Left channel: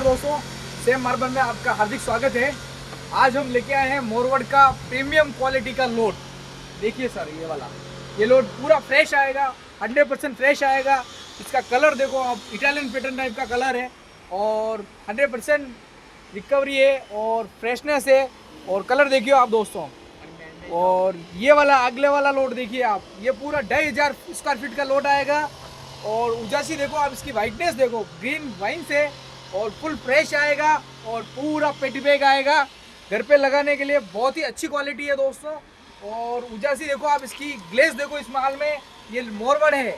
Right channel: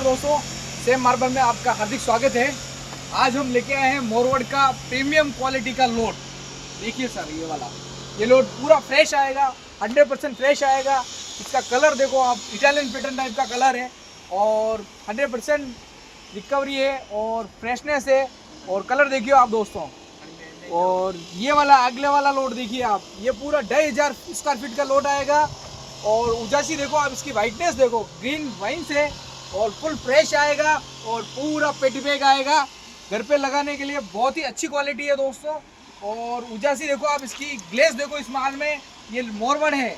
नमस्कार दोस्तों, same marble में आपका हार्दिक स्वागत है। आज हम लेके आए हैं मोरवड का प्रीमियम क्वालिटी का लोड। देखिए सर, ये लोड पूरा फ्रेश आएगा, 100% फ्रेश आएगा। इसका कलर देखो आप, इटालियन पैटर्न टाइप का कलर है और 100% रिकवरी है और फ्रेशनेस है। और कलर देखिए आप दोस्तों। और ये वाला अगले वाला लोड देखिए आप, ये पूरा 2500 स्क्वायर फीट का लोड आएगा। और उजासी देखो आप, इसकी वाइटनेस देखो, ग्रीन वाइन से और फुल फ्रेश आएगा और पूरा पेटी बैग आएगा। घर पे लगाने के लिए बहुत ही अच्छी क्वालिटी है दोस्तों। और उजासी देखो आप, इसकी ग्लेस देखो इस माल में, ये मोरवड है।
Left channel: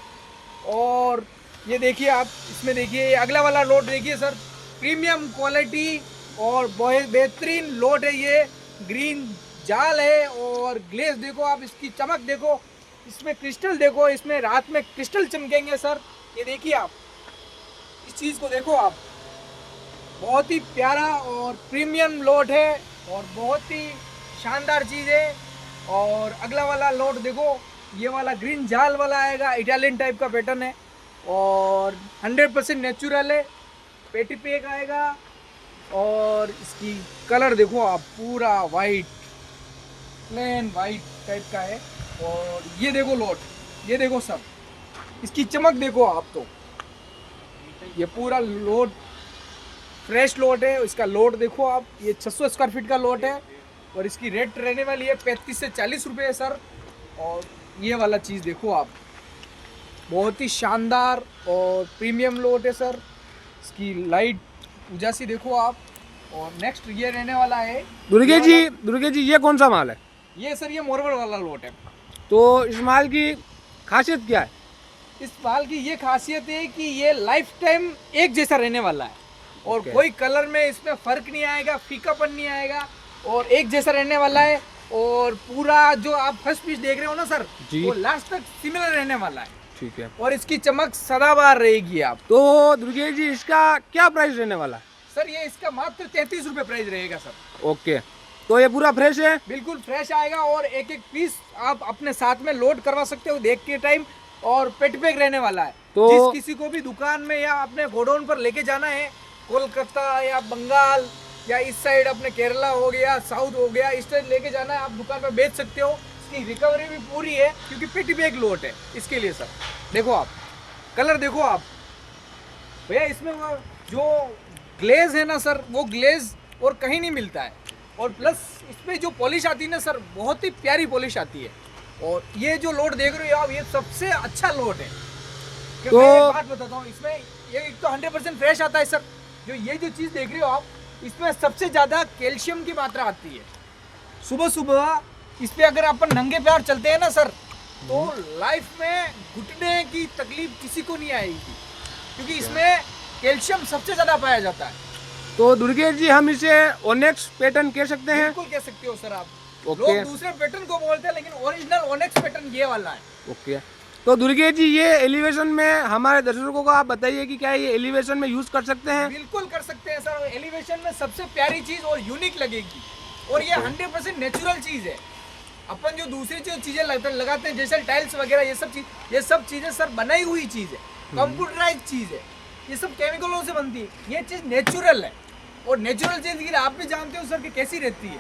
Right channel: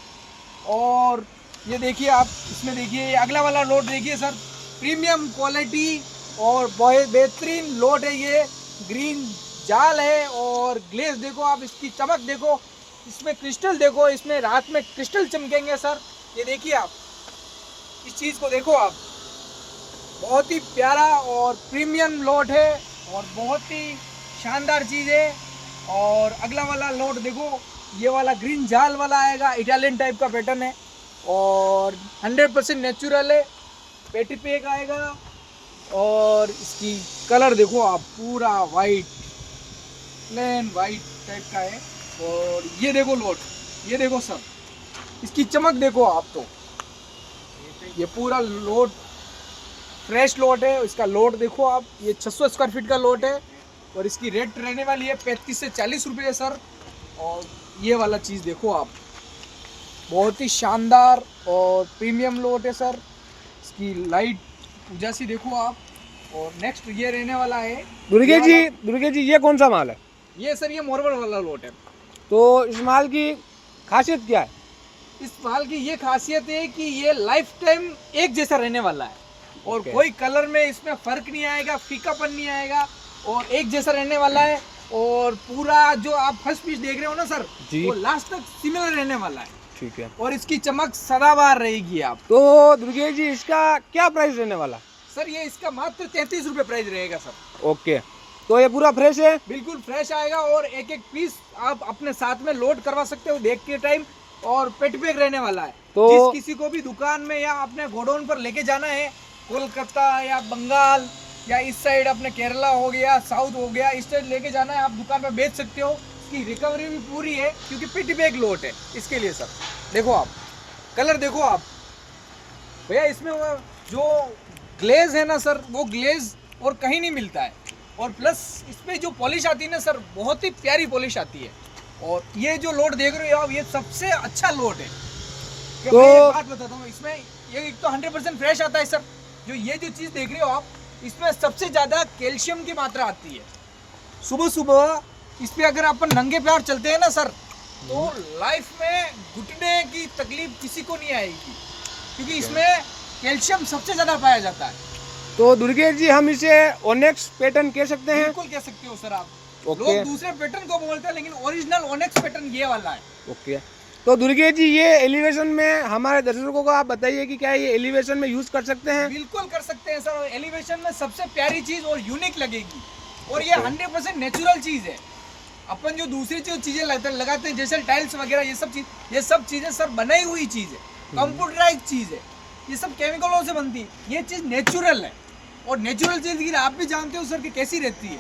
और ये देखिए आप, इसमें देखिए ये अगला वाला लोड देखिए सर, प्रीमियम क्वालिटी और बहुत बेहतरीन लोड है। ये ग्रीन जाल है और ग्लेस देखो आप, इसकी चमक देखो, इसमें क्रिस्टल देखो, इसमें रात में क्रिस्टल चमकेंगे सर। ये देखिए आप, इस चीज़ को देखो आप, बहुत ही प्यारा और प्रीमियम लोड है और बहुत ही शानदार चीज़ है। और अगला वाला लोड देखो, ये वाला ग्रीन जाल वाला आएगा, इटालियन टाइप का पैटर्न है और 100% नेचुरल है। पेटी पैक आएगा और इसकी कलर देखो आप, पूरा वाइट, प्लेन वाइट टाइप का है। और ये देखो लोड, ये देखो सर, इसकी चमक देखो आप। तो ये पूरा लोड फ्रेश लोड है। इसका लोड देखो आप, ये 600 स्क्वायर फीट का लोड है और इसकी रेट रहने वाली है 35 से 40 रुपये है सर। और ये वाला चीज़ देखो आप, बहुत ही शानदार और प्रीमियम लोड है सर। इसकी लाइट उजासी देखो आप। और नेक्स्ट ये रहने वाला है दुर्गे जी ये कौन सा माल है? ये सर, ये मोरवड वाला लोड है। तो इस माल की खासियत क्या है? इस माल की ये खासियत है कि ये लाइफ टाइम एक जैसा रहने वाला है और कोई कलर में इसमें फर्क नहीं आएगा, फीकापन नहीं आएगा और एक जैसा रहने वाला है। और पूरा जो आप फर्स्ट पीस देख रहे हो ना सर, वो लास्ट तक सिमिलर रहने वाला है। ठीक है। और इसकी चमक सदाबहार रहेगी आप। तो दुर्गे जी इसका क्या प्राइस रहने वाला है? सर ये इसका मात्र 33 रुपये प्राइस रहेगा सर। ओके, तो ये पूरा फ्रेश है? बिल्कुल फ्रेश आएगा और एक एक पीस आप अपने साथ में लोड करवा सकते हो देख के टाइम। और पेट पैक रहने वाला है। तो जिस किसी को भी दुकान में या अपने गोडाउन पर लेके जाना है, कोलकाता या बंगाल या इस साइड अपने केरला हो गया, साउथ हो गया, इस साइड लेके जाना है, आप दुकान पर बेच सकते हो। इसकी रिकवरी भी पूरी है क्योंकि पेटी बैग लोड है इसके लिए सर। देखो आप, कलर देखो आप भैया, इसमें जो ग्लेज है ना सर, वो ग्लेज और कहीं नहीं मिलता है। और प्लस इसमें जो पॉलिश आती है ना सर, बहुत ही प्यारी पॉलिश आती है। और ये जो लोड देख रहे हो आप, ये सबसे अच्छा लोड है। तो मैं बात बताता हूँ, इसमें ये एक तो 100% फ्रेश आता है सर। जो ये जो चीज़ देख रहे हो आप, इसमें सबसे ज़्यादा कैल्शियम की मात्रा आती है। सुबह सुबह इस पर अगर अपन नंगे पैर चलते हैं ना सर, तो लाइफ में घुटने की तकलीफ किसी को नहीं आएगी क्योंकि इसमें कैल्शियम सबसे ज़्यादा पाया जाता है। तो दुर्गे जी हम इसे ओनेक्स पैटर्न कह सकते हैं? बिल्कुल कह सकते हो सर आप। ओके। लोग दूसरे पैटर्न को बोलते हैं लेकिन ओरिजिनल ओनेक्स पैटर्न ये वाला है। ओके, तो दुर्गे जी ये एलिवेशन में हमारे दर्शकों को आप बताइए कि क्या ये एलिवेशन में यूज कर सकते हैं? बिल्कुल कर सकते हैं सर। एलिवेशन में सबसे प्यारी चीज और यूनिक लगेगी और ये 100% नेचुरल चीज है। अपन जो दूसरी चीजें लगाते हैं जैसे टाइल्स वगैरह, ये सब चीजें सर बनाई हुई चीज है, कंप्यूटराइज चीज है, ये सब केमिकलों से बनती है। ये चीज नेचुरल है और नेचुरल चीज आप भी जानते हो सर कि कैसी रहती है।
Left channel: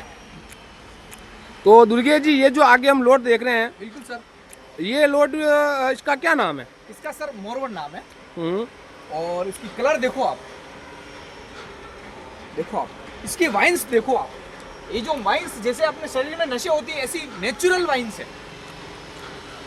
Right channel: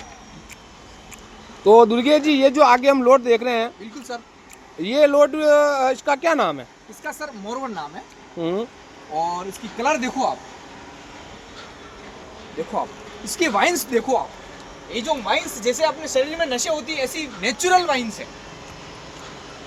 तो दुर्गे जी ये जो आगे हम लोड देख रहे हैं, बिल्कुल सर, ये लोड इसका क्या नाम है? इसका सर मोरवड नाम है। और इसकी कलर देखो आप, इसकी वाइन्स देखो आप। ये जो वाइन्स जैसे अपने शरीर में नशे होती है, ऐसी नेचुरल वाइन्स है।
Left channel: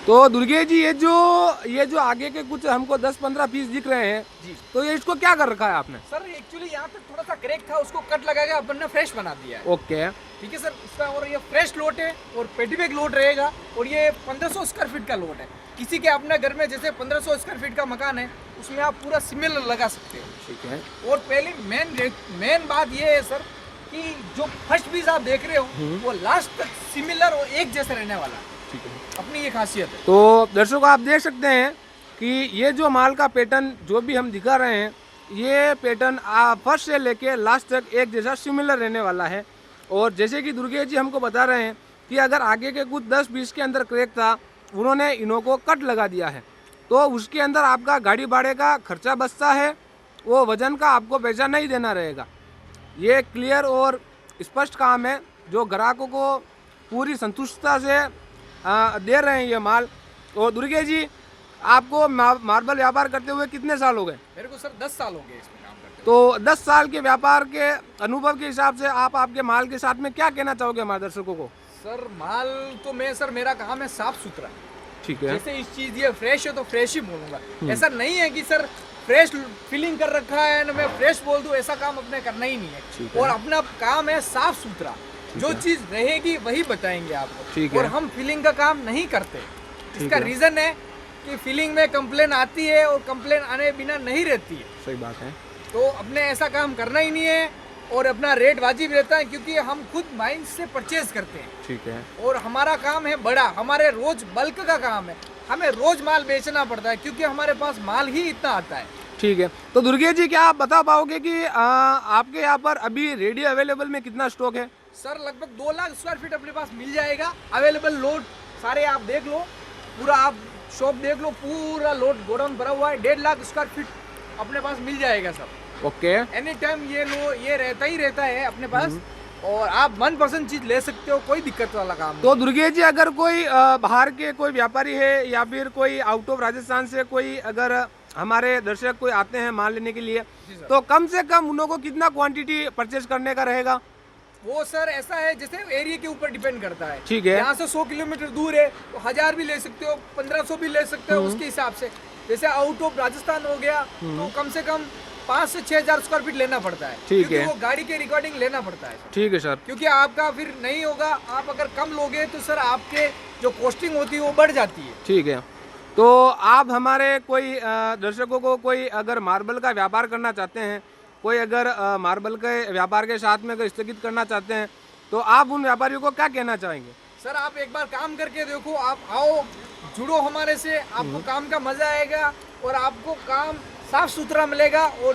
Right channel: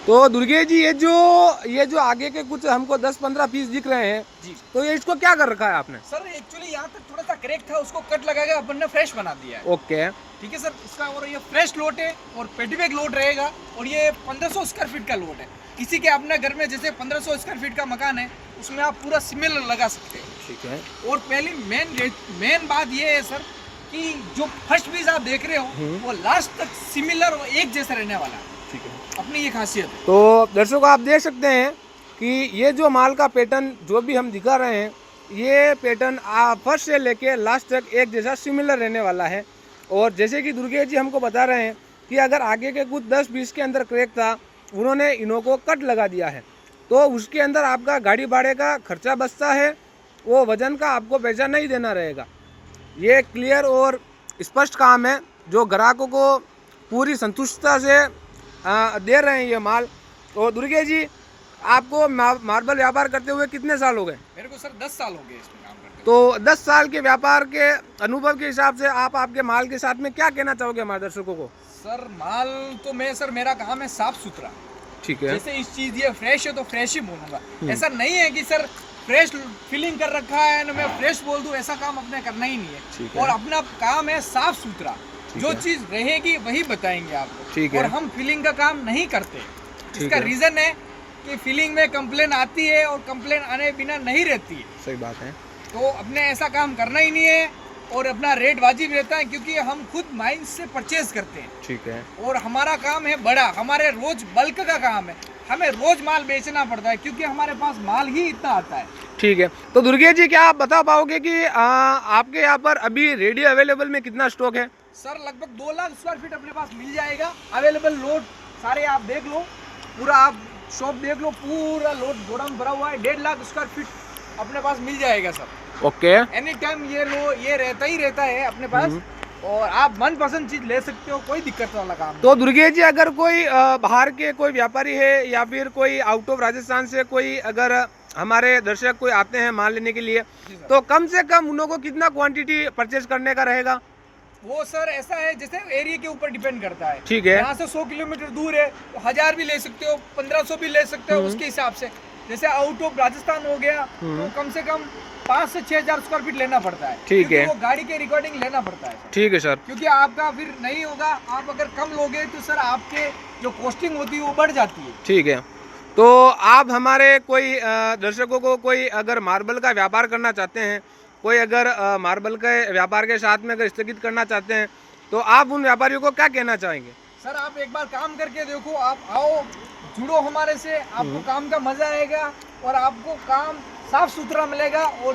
तो दुर्गे जी ये जो आगे के कुछ हमको 10-15 पीस दिख रहे हैं जी, तो ये इसको क्या कर रखा है आपने? सर एक्चुअली यहाँ तक थोड़ा सा क्रैक था, उसको कट लगाएगा, अपन ने फ्रेश बना दिया है। ओके, ठीक है सर। इसका और ये फ्रेश लोड है और पेटी बैग लोड रहेगा। और ये 1500 स्क्वायर फीट का लोड है। किसी के अपने घर में जैसे 1500 स्क्वायर फीट का मकान है, उसमें आप पूरा सिमिलर लगा सकते हो। ठीक है। और पहले मेन बात ये है सर कि जो फर्स्ट पीस आप देख रहे हो वो लास्ट तक सिमिलर और एक जैसा रहने वाला है। ठीक है, अपनी ये खासियत है। तो दर्शकों आप देख सकते हैं कि ये जो माल का पैटर्न जो भी हम दिखा रहे हैं, ये पैटर्न फर्स्ट से लेके लास्ट तक एक जैसा सिमिलर रहने वाला है। और जैसे कि दुर्गे जी हमको बता रहे हैं कि अगर आगे के कुछ 10-20 के अंदर क्रैक था, उन्होंने इन्हों को कट लगा दिया है, तो उसके अंदर आपका गाड़ी भाड़े का खर्चा बचता है वो वजन का आपको पैसा नहीं देना रहेगा। ये क्लियर और स्पष्ट काम है जो ग्राहकों को पूरी संतुष्टता से दे रहे हैं ये माल। और दुर्गेश जी, आपको मार्बल व्यापार करते हुए कितने साल हो गए? मेरे को सर 10 साल हो गए इसमें काम करते। तो 10 साल के व्यापार के अनुभव के हिसाब से आप आपके माल के साथ में क्या कहना चाहोगे हमारे दर्शकों को? सर माल तो मेरा काम है साफ सुथरा। ठीक है। जैसे इस चीज ये फ्रेश है तो फ्रेश ही बोलूंगा। ऐसा नहीं है कि सर फ्रेश फीलिंग कर रखा है ना मैं फ्रेश बोल दूं, ऐसा काम अपने करना ही नहीं है। और अपना काम है साफ सुथरा, जो चीज रहेगी वही बताएंगे आपको। और हम फीलिंग का काम नहीं करते। इसका रीजन है कि फीलिंग में कंप्लेन आती है और कंप्लेन आने बिना नहीं रहती है। सही बात है। तो अपने ऐसा काम करना ही नहीं है और अपना रेट वाजिब रहता है, क्योंकि हम खुद माइंस से परचेज करते हैं। ठीक है। और हमारा काम है बड़ा, हमारे रोज बल्क का काम है, हमें रोज माल बेचना पड़ता है क्योंकि हमारे पास माल ही इतना आता है। ठीक है। तो दुर्गेश जी, क्या आप बता पाओगे कि आपके यहाँ पर अभी रेडी अवेलेबल में कितना स्टॉक है? सर लगभग 2 लाख स्क्वायर फीट अपने पास मिल जाएगा। अवेलेबल लोड सारे आप देख लो, पूरा आप शॉप देख लो, पूरा लोड गोडाउन भरा हुआ है। 1.5 लाख स्क्वायर फीट अपने पास मिल जाएगा सब। ओके। एनी टाइम ये रहता ही रहता है अपने पास। और आप मनपसंद चीज ले सकते हो, कोई दिक्कत वाला काम नहीं। तो दुर्गेश जी, अगर कोई बाहर के कोई व्यापारी है या फिर कोई आउट ऑफ राजस्थान से कोई अगर हमारे दर्शक कोई आते हैं माल लेने के लिए, तो कम से कम उन लोगों को कितना क्वांटिटी परचेज करने का रहेगा? वो सर ऐसा है, जैसे एरिया के ऊपर डिपेंड करता है। ठीक है। यहाँ से 100 किलोमीटर दूर है तो 1000 भी ले सकते हो, 1500 भी ले सकते हो उसके हिसाब से। जैसे आउट ऑफ राजस्थान हो गया तो कम से कम 5 से 6000 स्क्वायर फीट लेना पड़ता है। ठीक है। वो गाड़ी के रिकॉर्डिंग लेना पड़ता है। ठीक है सर। क्योंकि आपका फिर नहीं होगा, आप अगर कम लोगे तो सर आपके जो कॉस्टिंग होती है वो बढ़ जाती है। ठीक है। तो आप हमारे कोई दर्शकों को कोई अगर मार्बल का व्यापार करना चाहते हैं, कोई अगर मार्बल के व्यापार के साथ में अगर स्थगित करना चाहते हैं, तो आप उन व्यापारियों को क्या कहना चाहेंगे? सर आप एक बार काम करके देखो, आप आओ जुड़ो हमारे से, आपको काम का मजा आएगा और आपको काम साफ सुथरा मिलेगा। और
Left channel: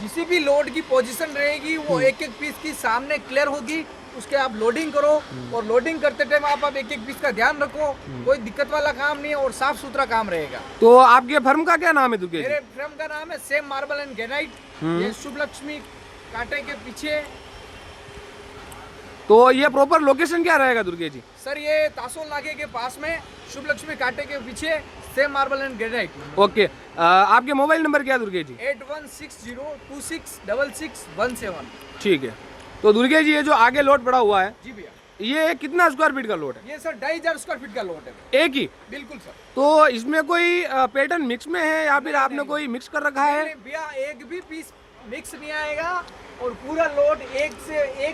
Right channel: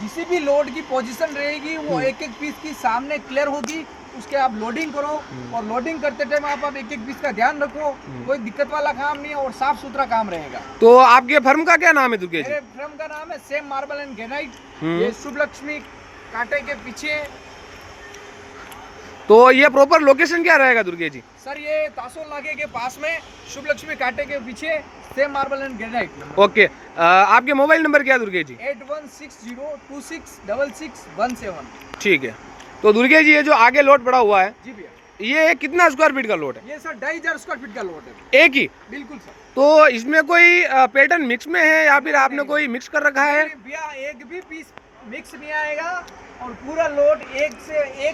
जिसी भी लोड की पोजीशन रहेगी वो एक एक पीस की सामने क्लियर होगी, उसके आप लोडिंग करो। और लोडिंग करते टाइम आप एक एक पीस का ध्यान रखो, कोई दिक्कत वाला काम नहीं है और साफ सुथरा काम रहेगा। तो आपके फर्म का क्या नाम है दुर्गेश जी? मेरे फर्म का नाम है सेम मार्बल एंड ग्रेनाइट, ये शुभ लक्ष्मी कांटे के पीछे। तो ये प्रॉपर लोकेशन क्या रहेगा दुर्गेश जी? सर ये तासोल नाके के पास में शुभ लक्ष्मी कांटे के पीछे same marble and granite. Okay. आपके मोबाइल नंबर क्या है दुर्गेश जी? 8160266117। ठीक है। तो दुर्गेश जी, ये जो आगे लोट पड़ा हुआ है, जी भैया, ये कितना स्क्वायर फीट का लोट है? ये सर 2500 स्क्वायर फीट का लोट है। एक ही? बिल्कुल सर। तो इसमें कोई पैटर्न मिक्स में है या फिर आपने कोई मिक्स कर रखा है? भैया एक भी पीस मिक्स नहीं आएगा और पूरा लोड एक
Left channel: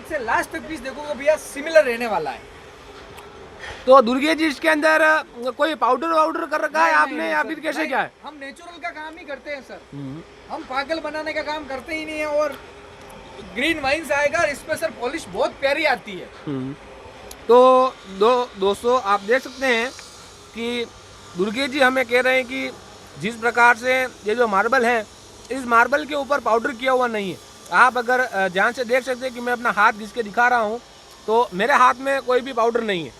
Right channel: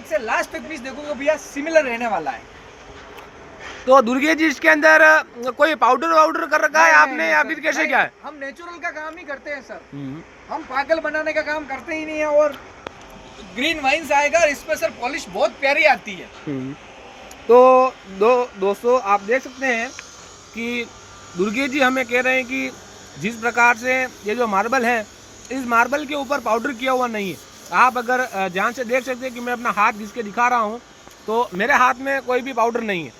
से लास्ट तक पीस देखोगे भैया सिमिलर रहने वाला है। तो दुर्गेश जी, इसके अंदर कोई पाउडर कर रखा है आपने या फिर कैसे क्या है? हम नेचुरल का काम ही करते हैं सर, हम पागल बनाने का काम करते ही नहीं है। और ग्रीन वाइन्स आएगा और इसमें सर पॉलिश बहुत प्यारी आती है। तो दोस्तों, आप देख सकते हैं कि दुर्गेश जी हमें कह रहे हैं कि जिस प्रकार से ये जो मार्बल है, इस मार्बल के ऊपर पाउडर किया हुआ नहीं है। आप अगर ध्यान से देख सकते हैं कि मैं अपना हाथ जिसके दिखा रहा हूँ, तो मेरे हाथ में कोई भी पाउडर नहीं है।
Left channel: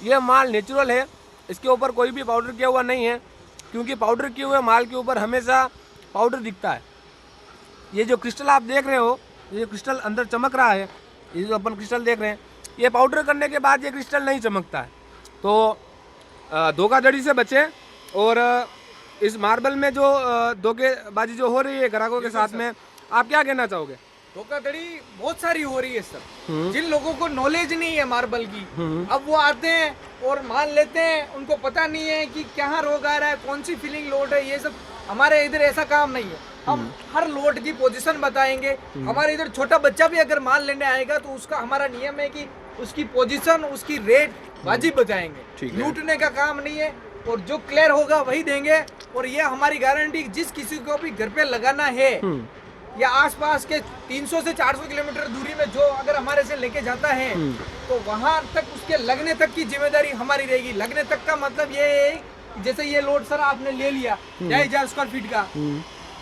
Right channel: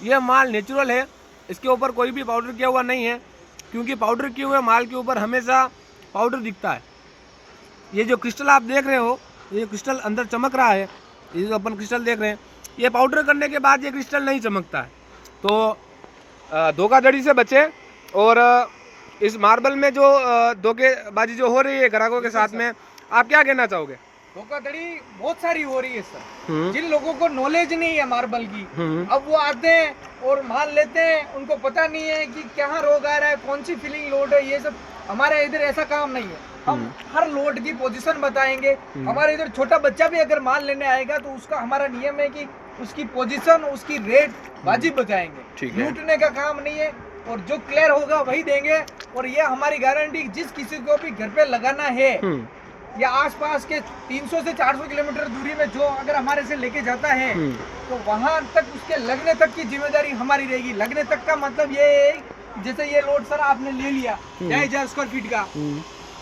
ये माल नेचुरल है, इसके ऊपर कोई भी पाउडर किया हुआ नहीं है, क्योंकि पाउडर किए हुए माल के ऊपर हमेशा पाउडर दिखता है। ये जो क्रिस्टल आप देख रहे हो, ये क्रिस्टल अंदर चमक रहा है, ये जो अपन क्रिस्टल देख रहे हैं, ये पाउडर करने के बाद ये क्रिस्टल नहीं चमकता है। तो धोखाधड़ी से बचे। और इस मार्बल में जो धोखेबाजी जो हो रही है ग्राहकों के साथ में, आप क्या कहना चाहोगे? धोखाधड़ी बहुत सारी हो रही है सर। जिन लोगों को नॉलेज नहीं है मार्बल की, अब वो आते हैं और माल लेते हैं, उनको पता नहीं है कि कहाँ रोग आ रहा है, कौन सी फीलिंग लोड है। ये सब हमारे इधर ऐसा काम नहीं है। हम हर लोड की पोजीशन बताएंगे। हमारे इधर छोटा बच्चा भी अगर माल लेने आएगा तो उसका हमारा नियम है कि उसकी पोजीशन, उसकी रेट वाजिब बताएंगे। लूटने का काम नहीं है और जो क्लियर होगा वही देंगे। और ये हमारी गारंटी, जिस किसी को भी घर पे लगाना है या आसपास के 300 से 400 किलोमीटर दूरी में जो अगर हमारे से लेके जाता है, तो वहां तक उसके लगने तक की जिम्मेदारी हमारी रहेगी। लगने तक का मतलब ये है, जैसे ये लोड सर आपने ले लिया 2500 स्क्वायर फीट का,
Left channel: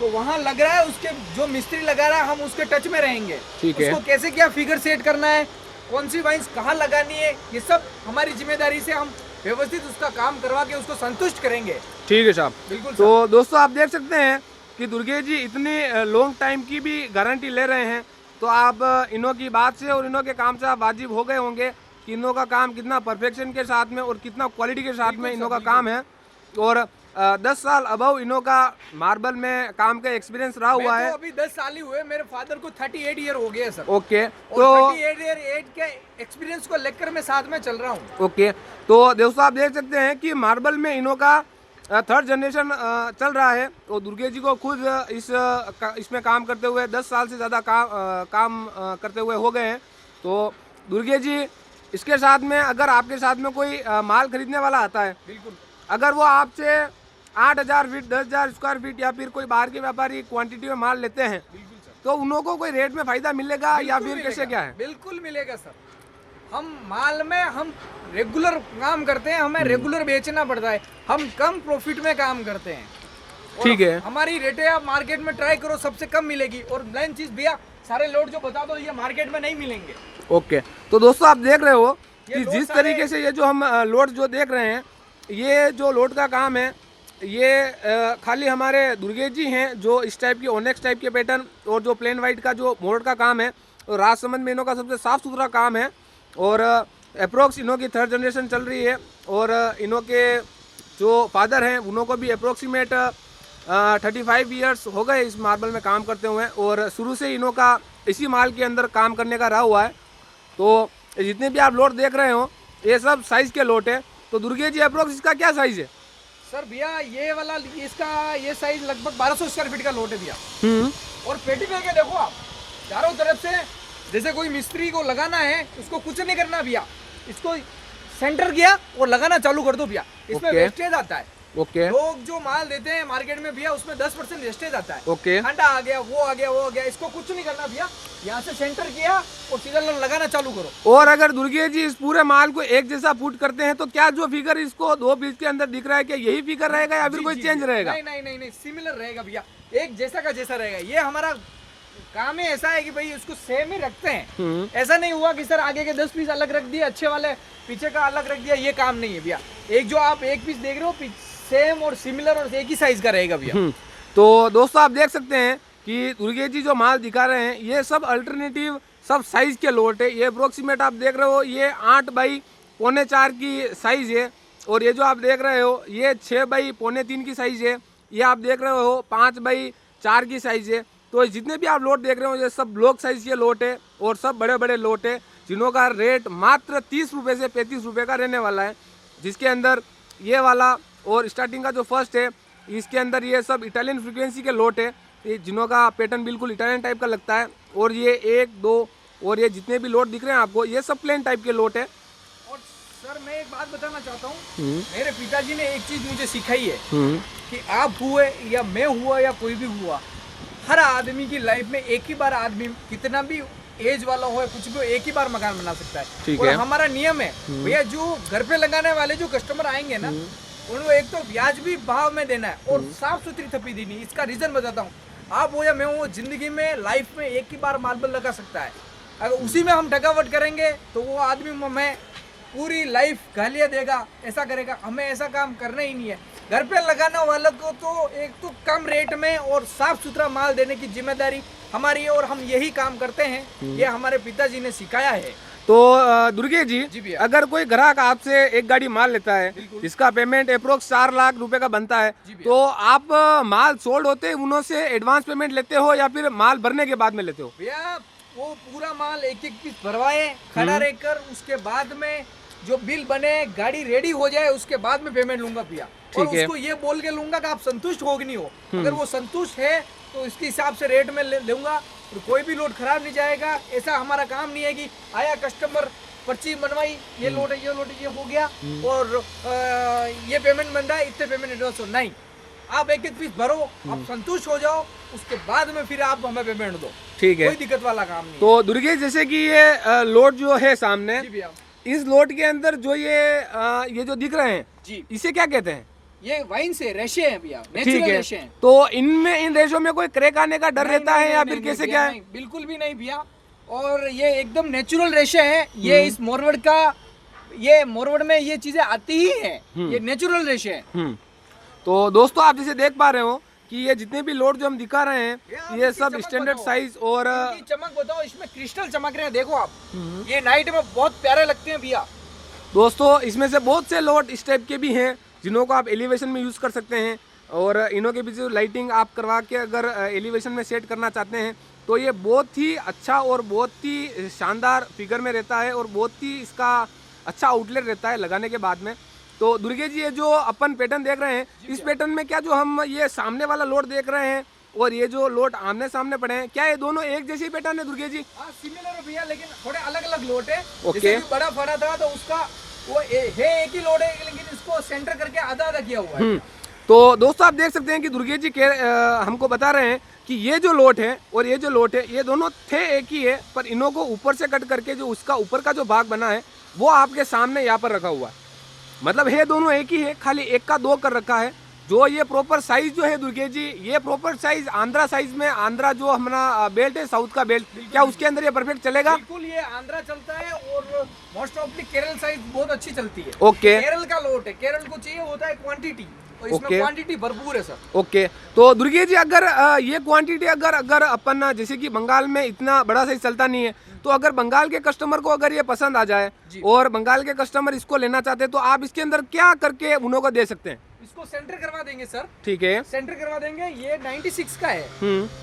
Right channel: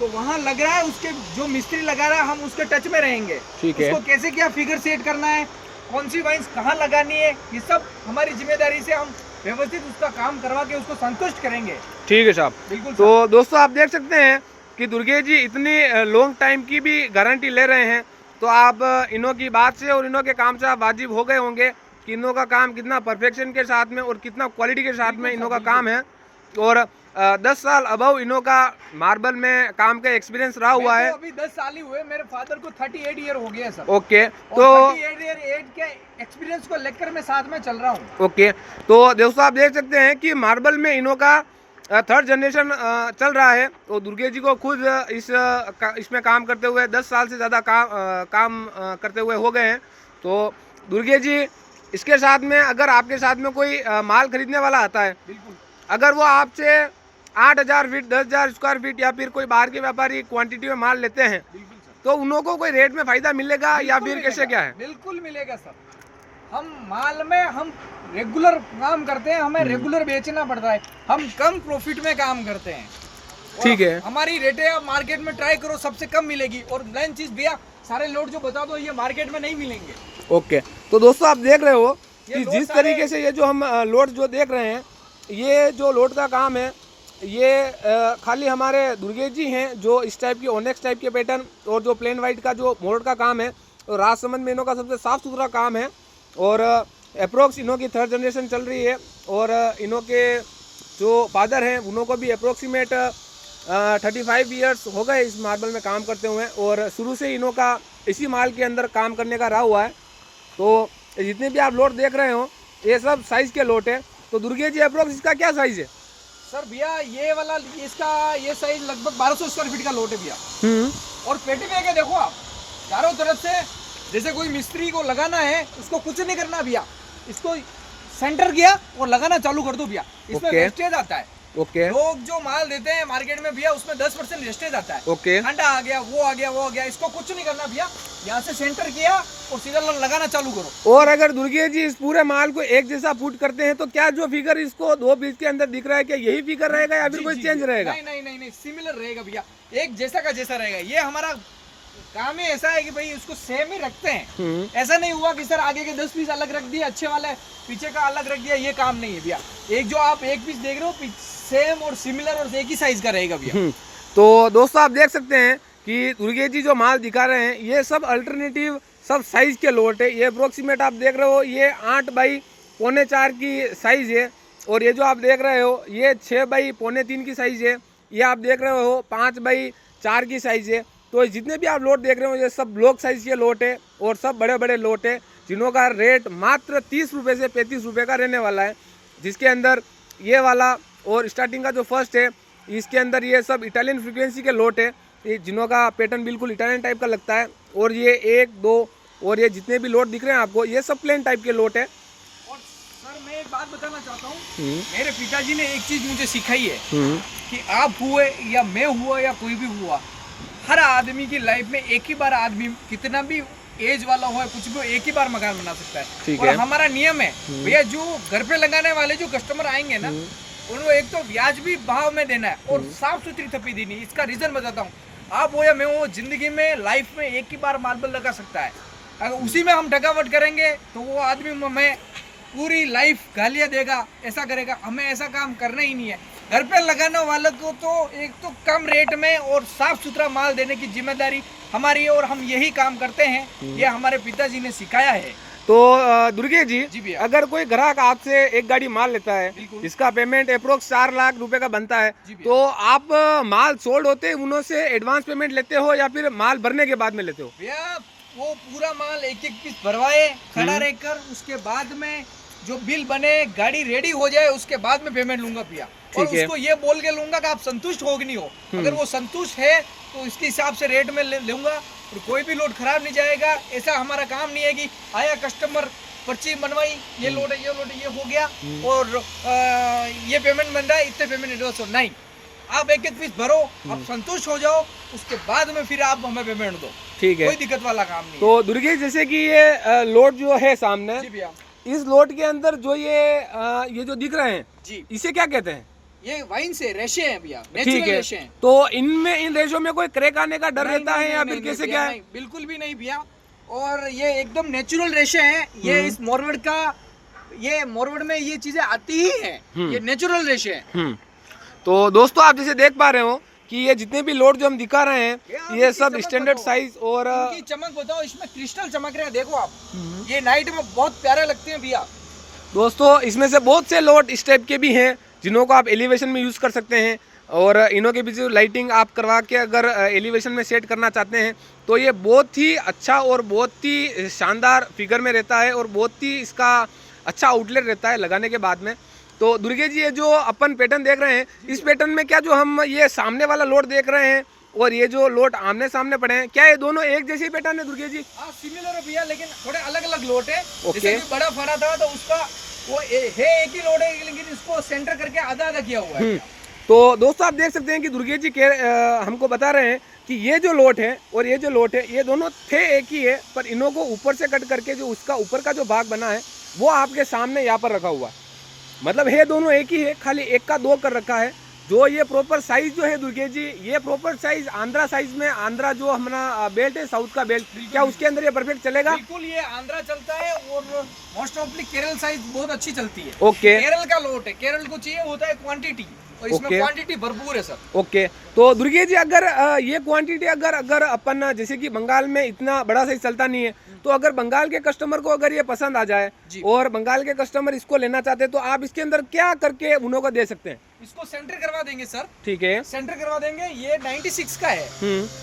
तो वहाँ लग रहा है, उसके जो मिस्त्री लगा रहा है हम उसके टच में रहेंगे। उसको कैसे क्या फिगर सेट करना है, कौन सी वाइन्स कहाँ लगानी है, ये सब हमारी जिम्मेदारी से हम व्यवस्थित उसका काम करवा के उसको संतुष्ट करेंगे। ठीक है साहब, बिल्कुल। तो दोस्तों, आप देख सकते हैं कि दुर्गे जी इतनी लॉन्ग टाइम की भी गारंटी ले रहे हैं, तो आप इन्हों की बात से और इन्हों के काम से आप वाजिब हो गए होंगे कि इन्हों का काम कितना परफेक्शन के साथ में और कितना क्वालिटी के साथ में इन्हों का काम है। और 10 साल अबव इन्हों का मार्बल में काम का एक्सपीरियंस रहा हुआ है। तो अभी 10 साल ही हुए, मेरे फादर को 38 ईयर हो गया सर। ओके, तो तो 38 ईयर एज के एक्सपीरियंस को लेकर मैं साथ में चल रहा हूँ। ओके, तो दोस्तों आप देख सकते हैं कि मार्बल में इन्हों का 3rd जनरेशन चल रहा है। तो दुर्गे जी को खुद इसमें काम करते हुए 10 साल से ज़्यादा काम करते हुए हो गए हैं। तो दुर्गे जी इसके साथ में अगर आपके साथ में कोई माल खरीदने वाला आता है, बिल्कुल, अगर वो आपसे 8,000 फीट 10,000 स्क्वायर फीट या फिर कोई बाहर के व्यापारी क्वांटिटी में माल लेते हैं, बिल्कुल सर, तो उन लोगों को कोई रेट में फ़ायदा मिलेगा या बिल्कुल फिर कैसे मिलेगा, क्या है? बिल्कुल मिलेगा सर। हम माल में हम रेगुलर काम करते हैं, हमें रेगुलर बेचना पड़ता है, हम कम प्रॉफिट में काम करते हैं। और ठीक है। हमारी रेटें आप मार्केट में ट्राई करो, सबसे कम मिलेगी। और मेन चीज भैया, सारे लोड जो बता दो ये मार्केट में नहीं मिलेंगे। ओके, तो दोस्तों आप देख रहे हो ये कि लोड जिस सारे- तरीके से ये जो हम लोड जो देख रहे हैं, ये जो लोड का काम है, ये खाली हमारे दुर्गे जी हैं जो इस टाइप की ओनेक्स टाइप के पैटर्न और जो प्लेन वाइट का जो मोल्ड का काम है, और राजसमंद में इन्हों का सबसे साफ़ सुथरा काम है। और अप्रोक्स इन्हों की 3rd जनरेशन चल रही है। और इन्हों के जो फादर हैं उन्हों को भी अप्रोक्सीमेट 35 ईयर्स हो गए इस मार्बल में काम करते हुए, और शुरू से इन्हों का इसी माल के अंदर काम करने का रहा हुआ है। तो जितने भी आप लोट देख रहे हो ये सब साइज़ के लोट है। तो दुर्गे जी अप्रोक्स इसका क्या साइज़ है? सर भैया ये वाला, इसका ये साइज लगभग 1200 स्क्वायर फीट का लोट है भैया। और पेटी में क्या देखो आप, चारों तरफ से जैसे कोई मिस्त्री को लगाना है, उसको कुछ नहीं करना भैया, इसको सेंटर किया और लगाना चालू कर दो भैया। इसमें ओके। वेस्टेज आता है। ओके लोग जो माल देते हैं मार्केट में भैया, उसमें 10% वेस्टेज आता है। ओके ठंडा आ गया, वो आ गया, वो आ गया, इसको कुछ नहीं करना भैया। यहाँ से सेंटर किया और सीधा लगाना चालू करो। और अगर दुर्गे जी इस पूरे माल को एक जैसा फुट करते हैं, तो क्या जो फिगर इसको 2 पीस के अंदर दिख रहा है, क्या यही फिगर रहेगा या फिर जी, कोई जी, चेंज जी। रहेगा? नहीं नहीं नहीं नहीं, सिमिलर रहेगा भैया, एक जैसा का जैसा रहेगा। ये हमारा काम ही ऐसा है कि भाई उसको सेम ही रखते हैं। ऐसा नहीं हुआ कि सर आगे के 10 पीस अलग रख दिए अच्छे वाले, पीछे का अलग रख दिया, ये काम नहीं है भैया। एक जो आप एक पीस देख रहे हो सेम और सिमिलर और एक ही साइज का रहेगा भैया। तो दोस्तों आप देख सकते हैं कि दुर्गे जी जो माल दिखा रहे हैं ये सब अल्टरनेटिव सब साइज के लोट है। ये अप्रोक्सीमेट आप देख रहे हो ये 8 बाई 4.25 की साइज है। और ये जो आप देख रहे हो ये 6 बाई 3.25 की साइज है। ये आप देख रहे हो 5 बाई 4 की साइज है। तो जितने भी आप लोट देख रहे हो ये सब ब्लॉक साइज के लोट है और सब बड़े बड़े लोट है, जिन्हों का रेट मात्र 30 रुपये से 35 रुपये का रहने वाला है। जिसके अंदर ये वाला और स्टार्टिंग का जो फर्स्ट है, इसके अंदर ये सब इटालियन फ्रीक्वेंसी के लोट है, ये जिन्हों का पैटर्न बिल्कुल इटालियन टाइप का लगता है। और ये 1 2 और ये जितने भी लोट दिख रहे हैं आपको ये सब प्लेन टाइप के लोट है। और सर मैं एक बात बताना चाहता हूँ, मेरे पिताजी ने एक चीज मुझे सिखाई है कि आप हुए या मैं हुआ या कोई भी हुआ, हर आदमी की लाइफ में एक ही बार आदमी कितना भी एज वाला हो कुछ भी हो, एक ही बार मकान बना सकता है। ठीक और है। हमारा नियम है भैया, जो घर पे लगाने वाले जो कस्टमर आएंगे ना, उनको एक तो ब्याज भी भाव में देना है और साफ सुथरी थप्पी देनी। इसका रीजन बताता हूँ, आप हो या मैं हो, जिंदगी में लाइफ में एक ही बार मार्बल लगा सकता है। अगर उसी में हम ठगावट करेंगे तो वो आदमी में पूरी लाइफ गालियाँ देगा, ऐसा करेगा। हमें ऐसा काम करना ही नहीं है। घर पे लगाने वालों को तो एक तो कम रेट में और साफ सुथरा माल देने की जिम्मेदारी हमारी है और हम यही काम करते हैं। ये हमारे पिताजी ने सिखाया है। तो दुर्गे जी जी भैया। अगर कोई ग्राहक आपसे एक गाड़ी माल लेता है बिल्कुल। जिसका पेमेंट अप्रोक्स 4 लाख रुपए का बनता है, जी भैया। तो आप माल सोल्ड होते उन्हों से एडवांस पेमेंट लेते हो या फिर माल भरने के बाद में लेते हो? भैया वो पूरा माल एक एक पीस भरवाए खड़ा रहकर, उसके बाद में जो बिल बने, गाड़ी रेडी हो जाए, उसके बाद में पेमेंट लूंगा भैया। और ठीक है। उसको ये बोल के लूंगा कि आप संतुष्ट हो कि नहीं हो। अगर वो संतुष्ट है तो इसके हिसाब से रेट में लूंगा और कोई भी लोड खराब नहीं जाएगा। ऐसा हमारा काम नहीं है कि आया कस्टमर पर्ची बनवाई, ये लोड है, ये लोड है, ये हो गया और ये पेमेंट बन रहा है, इतने पेमेंट एडवांस हो। नहीं, आप एक एक पीस भरो, आप संतुष्ट हो जाओ, उसके बाद में फिर आप हमें पेमेंट दो। ठीक है। कोई दिक्कत वाला काम नहीं। तो दुर्गे जैसे कि ये लोड जो है सामने, जी भैया। इस लोड के अंदर जो ये जो दिख रहे हैं जी, इसे क्या कहते हैं? ये वाइन से रेशे हैं भैया, ठीक नेचुरल है। रेशे हैं। तो इनमें इन रेशों में कोई क्रैक आने का डर नहीं, रहता है नहीं, या नहीं, फिर नहीं, कैसे भैया, क्या है? नहीं, बिल्कुल भी नहीं भैया। और ये एकदम नेचुरल रेशे हैं। ये इस मोरवड़ का, ये मोरवड़ में ये चीजें आती ही हैं। ये नेचुरल रेशे हैं। तो दोस्तों आप जैसे देख पा रहे हो कि ये जितने भी लोड जो हम दिखा रहे हैं ये सब स्टैंडर्ड साइज और इनकी चमक बताओ, इसमें क्रिस्टल चमक रहे हैं, देखो आप, ये नाइट में बहुत प्यारे लगते हैं भैया। दोस्तों इसमें से बहुत से लोड इस टाइप के भी हैं जिन्हों को आप एलिवेशन में यूज़ कर सकते हैं, और इन्हों के पीछे लाइटिंग आप करवा के अगर एलिवेशन में सेट करना चाहते हैं तो ये बहुत ही अच्छा और बहुत ही शानदार फिगर में रहता है और बहुत ही इसका अच्छा आउटलेट रहता है लगाने के बाद में। तो दुर्गे जी ये जो अपन पैटर्न देख रहे हैं, इस पैटर्न में क्या जो हम ये सामने वाला लोड देख रहे हैं और ये जो लोड आमने सामने पड़े हैं, क्या ये दोनों एक जैसे पैटर्न है दुर्गे जी? हाँ सिमिलर है भैया, लेकिन थोड़े अलग अलग लोड है। ओके। जैसे कि बड़ा फड़ा था तो उसका वो है एक ही लोड है, लेकिन इसको सेंटर करके आधा आधा किया हुआ है। तो दोस्तों आप देख सकते हैं कि दुर्गे जी हमको बता रहे हैं कि ये जो लोट है और ये जो लोट है ये दोनों थे एक ही है, पर इन्हों को ऊपर से कट करके जो उसका ऊपर का जो भाग बना है वो आपके सामने यहाँ पर रखा हुआ है। मतलब है दोनों एक ही है, खाली एक का दो कर रखा है। जो ये प्रॉपर साइज जो है दुर्गे जी, ये प्रॉपर साइज आंध्रा साइज में, आंध्रा जो हमारा बेल्ट है साउथ का बेल्ट, क्या उसके अंदर ये परफेक्ट चलेगा? बिल्कुल, ये आंध्रा चलता है और मोस्ट ऑफली केरल साइज बहुत अच्छी चलती है। ओके। केरल का लोट है, केरल को चाहिए होता है क्वांटिटी, और इसमें क्वांटिटी भरपूर है सर। ओके। तो दुर्गे जी अगर ये क्वांटिटी अगर अपन जैसे कि बंगाल में इतना बड़ा साइज चलता नहीं है, तो अगर बंगाल के कस्टमर को अगर ये पसंद आ जाए और बंगाल के कस्टमर इसको लेना चाहते हैं तो आप इसके अंदर क्या करके उन्हों को दे सकते हैं? इसको सेंटर करवा देंगे सर। ठीक है, सेंटर करवा देंगे। ये 96 का है,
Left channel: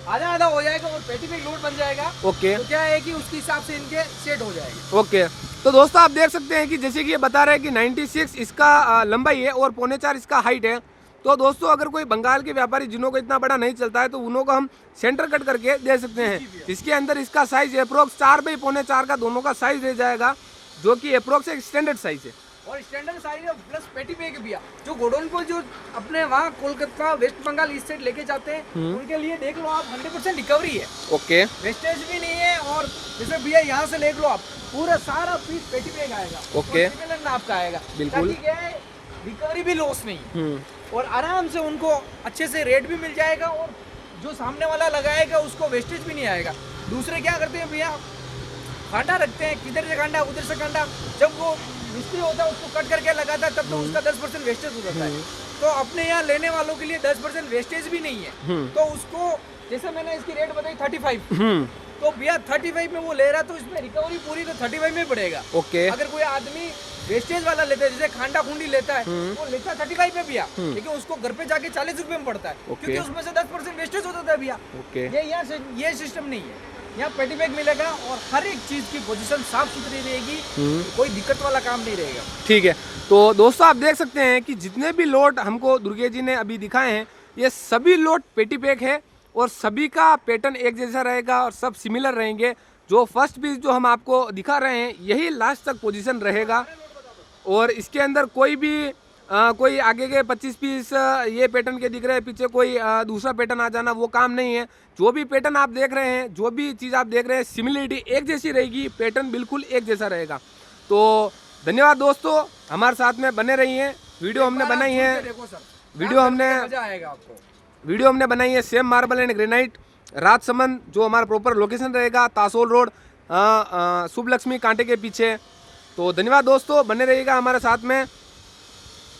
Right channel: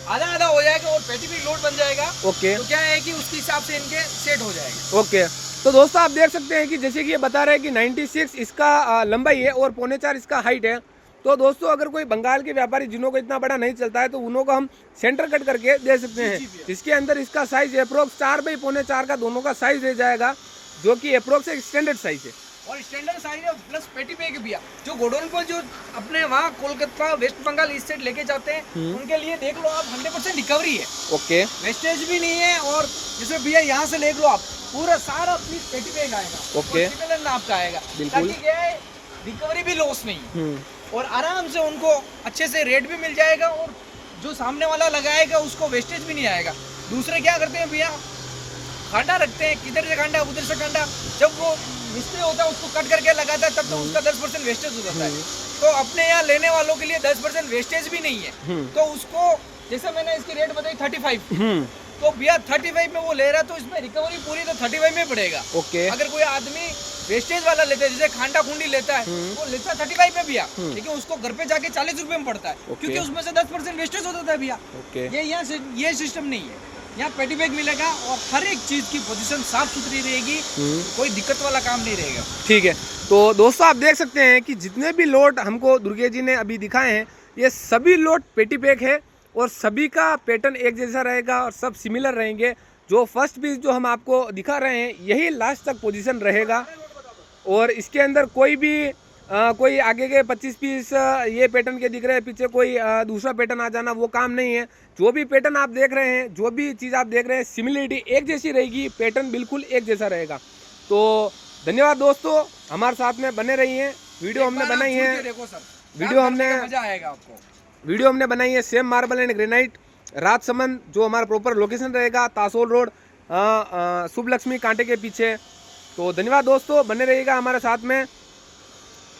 आधा आधा हो जाएगा और पेटी पे लोड बन जाएगा। ओके। तो क्या है कि उसके हिसाब से इनके सेट हो जाएगा। ओके। तो दोस्तों आप देख सकते हैं कि जैसे कि ये बता रहे हैं कि 96 इसका लंबाई है और 4.25 इसका हाइट है। तो दोस्तों अगर कोई बंगाल के व्यापारी जिन्हों को इतना बड़ा नहीं चलता है तो उन्हों को हम सेंटर कट करके दे सकते हैं। इसके अंदर इसका साइज अप्रोक्स 4x4.25 का दोनों का साइज रह जाएगा, जो कि अप्रोक्स एक स्टैंडर्ड साइज है। और स्टैंडर्ड साइज है प्लस पेटी पे के भैया। जो गोडाउन को जो अपने वहाँ कोलकाता वेस्ट बंगाल इस साइड लेके जाते हैं उनके लिए देख लो आप 100% रिकवरी है। ओके। वेस्टेज भी नहीं है। और जैसे भैया यहाँ से देख लो आप, पूरा सारा पीस पेटी पे आएगा। ओके। आपका आएगा, बिल्कुल। ताकि क्या है रिकवरी भी लॉस नहीं और आराम से उनको अच्छे से रेट भी मिल जाएगा और जो सामने वाला लगाएगा उसको वेस्टेज भी नहीं आएगा। दूसरे क्या करते हैं भैया, कांटा रखते हैं, किधर से कांटा उधर से कांटा, जब वो मिस्त्री होता है उसको कट करके लगाता है तब तो उसका 10% वेस्टेज हो जाता है। तो अपने यहाँ लेने वालों के लिए 10% वेस्टेज भी नहीं है। तो उसको जैसे मैंने इसकी रेट बताई 35, तो भैया 35 में वो ले रहा तो इसमें रिकवरी पूरी तो 35 में पड़ेगा। ओके। अगर कोई आदमी वेस्टेज वाला लेता है, जैसे खांडा खूंडी लेता है, वो लेता है 35 में भैया, लेकिन उसको घर पे जाके 40 रुपए में पड़ता है, क्योंकि उसमें से 10% वेस्टेज होता है भैया। ये यहाँ ये सिस्टम नहीं है। यहाँ पेटी बैग मिलेगा और हर एक चीज की पोजीशन साफ सुथरी रहेगी, कोई दिक्कत वाला काम नहीं रहेगा। ठीक है। तो दोस्तों आप देख सकते हैं कि जितने भी लोट हमको दुर्गे जी ने अभी दिखाए हैं ये सभी लोट पेटी पैक है और सभी का पैटर्न एक जैसा रहेगा और सब सिमिलर रहेंगे। जो फर्स्ट पीस जो हम आपको दिखा रहे हैं यही लास्ट तक पोजीशन रहेगा और इसके अंदर कोई भी कोई आगे के 25 पीस ये पैटर्न के दिख रहे हैं, पीछे कोई दूसरा पैटर्न आ जाना वो काम नहीं है। जो भी पैटर्न आप देख रहे हैं, जो भी चीज़ आप देख रहे हैं, सिमिलरिटी एक जैसी रहेगी, पैटर्न बिल्कुल एक जैसा रहेगा। तो धन्यवाद दोस्तों, हमारे साथ में बने रहिए। वीडियो हमने बनाई है, वीडियो हमने बनाई है same marble and granite Rajsamand, जो हमारा प्रॉपर लोकेशन रहेगा तासोल रोड शुभ लक्ष्मी कांटे के पीछे। तो धन्यवाद दोस्तों, बने रहिएगा हमारे साथ में।